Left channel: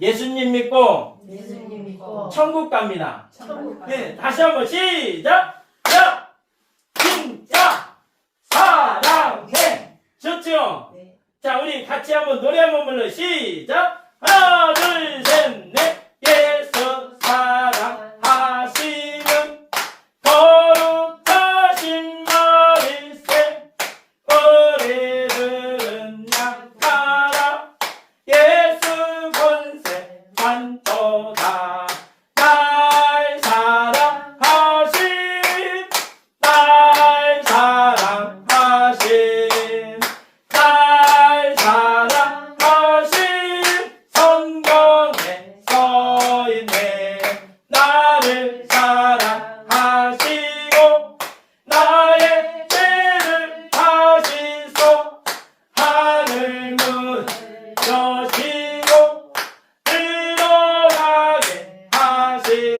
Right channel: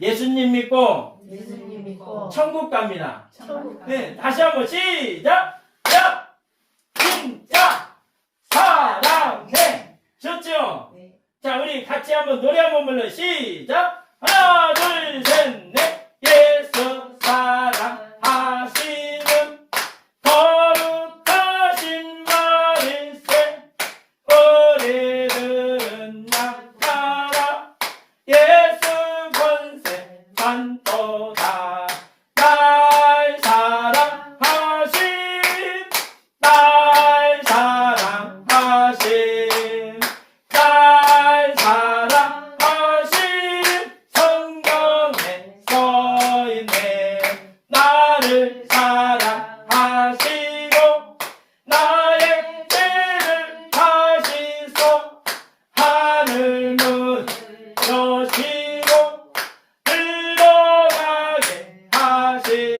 예수님 믿고 예수님 믿고 천국 갑니다. 천국 네, 다시 한번 시작. 야, 진짜 사랑해. 좋죠? 네. 자, 우리 같이 한번 노래 한번 불러 시작. 사랑하신 성경에 서 있네 나